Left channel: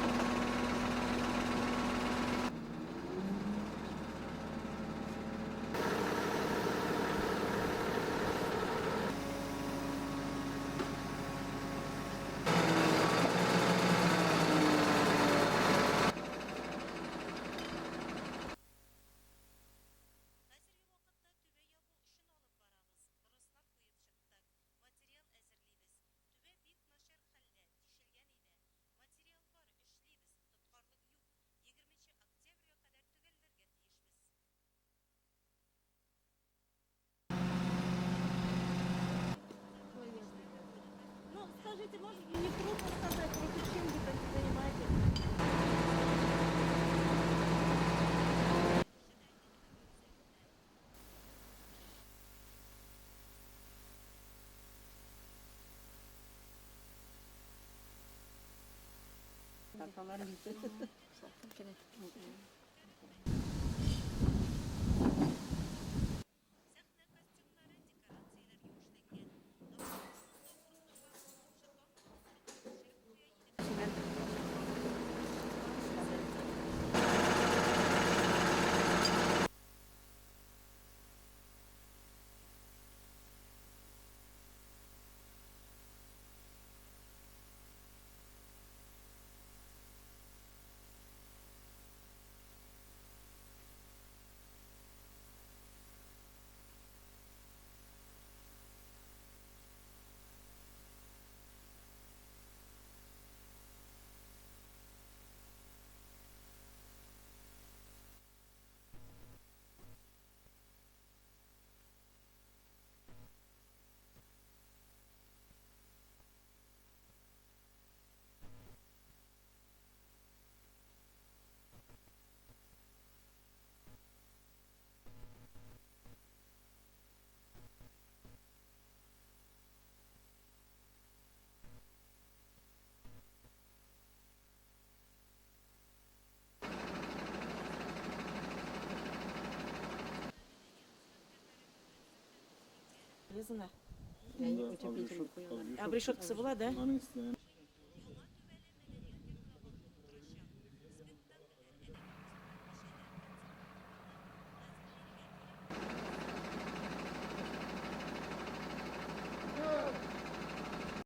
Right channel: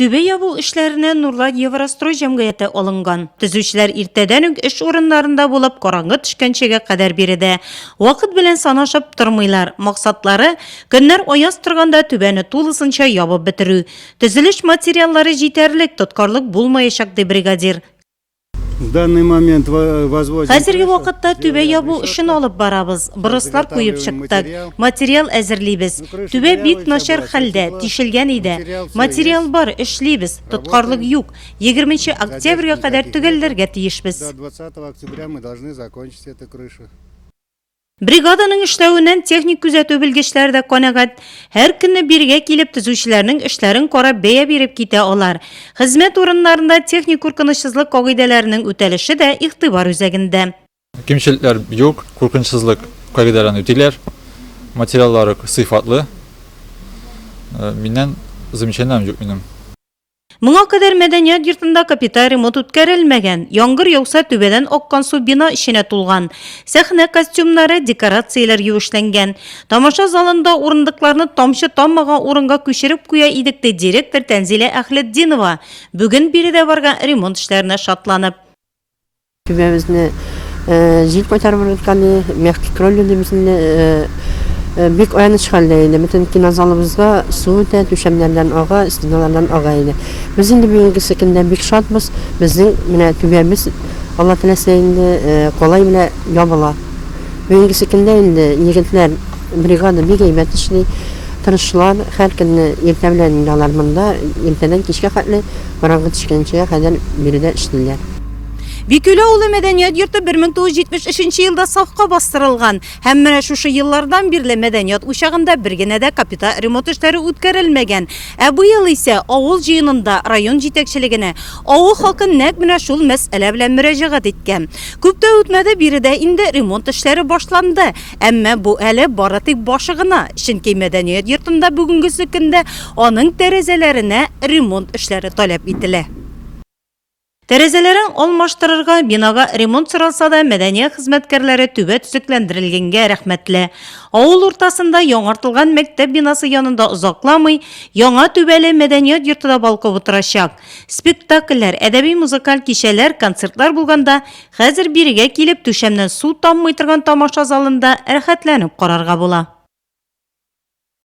Түбе ябу эшләренә Нурлат Еврострой җәмгыяте алынган. Төзүчеләр иртәдән үк эш урыннарында булып, караңгы төшкәнчегә кадәр биредә. Вакыт белән санашып тормыйлар. Максатлары көннәр аяз торганда түбәне тулысынча ябып бетерү. Төзелеш материаллары җитәрлек, тоткарлык булмаячак ди бригадир. В данный момент возводим. Хәзерге вакытта түбә ябу эшен алып барабыз. Брыслар куеп чыктык. Материал әзерлибез. Түбә бик начар хәлдә, тишелгән иде. Материал бар, эшлибез. Тоткарлык юк. 20 октябрьгә кадәр төгәлләргә тиешбез. До 20 октября мы должны закончить эту крышу. Бригаданың эшләвеннән техник күзәтү белгечләре дә канәгать. Һәр көнне биргә килеп төзүчеләрнең эшләрен карап бәя биреп китә алар. Хезмәт урыннарында техник куркынычсызлык кагыйдәләренең үтәлеше дә игътибар үзәгендә. Кемчелекләр юк, куркынычсызлык кагыйдәләрен үтиләр. Материаллары сыйфатлы. Миннән замечанием юк минем. Моңа кадәр мәдәният йортында капиталь ремонт үткәрелмәгән. Яңгыр яуса түбәдән аккан су бина эченә тулган. Сәхнә костюмнары, декорацияләр юешләнгән. Тамаша залында урындыкларны тамчы таммаган урынга күчереп куя идек ди директор Тәнзилә Әхлетдинова. Бүген биредә барган ремонт эшләренә шатланып. Түбәбезне җил күтәреп атканы, мягкий кроль дибезне бик аныч хәлдә иде. Бөтен кинозалыбызга су үтә, түшәмнәрдән ага, стеналардан ага иде. Без инде бүгенге көндә бик шатбыз. Безнең менә түбәбез Алла теләсә инде колай белән ябыла. Бүгенге көндә инде егетләр бригада бик әйбәт эшли. Тырышлар һәр көнне иртә белән алар монда, иртәдән кичкә хәтле караңгы төшкәнчегә кадәр биредә эшлиләр. Бикүлә улы мәдәният йорты 1973 елда сафка бастырылган. Һәм менә шушы еллардан бирле мәдәният учагында бер генә дә капиталь ремонт эшләре үткәрелмәгән. Ә бу ел исә авыл җыенында район җитәкчелегенә авыл халкы нәкъ менә шул мәсьәлә белән мөрәҗәгать иткән. Күп тә үтмәде биредә инде ремонт эшләре башланды. Әмма бу әле бары тик башы гына. Чөнки мәдәният йортында бүгенге көндә аның тәрәзәләренә ремонт эшләре таләп ителә. Тәрәзәләрен алмаштырырга, бинага ремонт соралса да, мәдәният хезмәткәрләре түбә төзекләндерелгәнгә рәхмәтле. Авыл уртасында яңартылган мәктәп бинасы янында озакламый, яңа түбәле мәдәният йортында балкып утырачак. Спектакльләр, әдәби-музыкаль кичәләр, концертлар булганда, хәзер бирегә килеп түшәмнән су таммый торган тамаша залында рәхәтләнеп карарга була.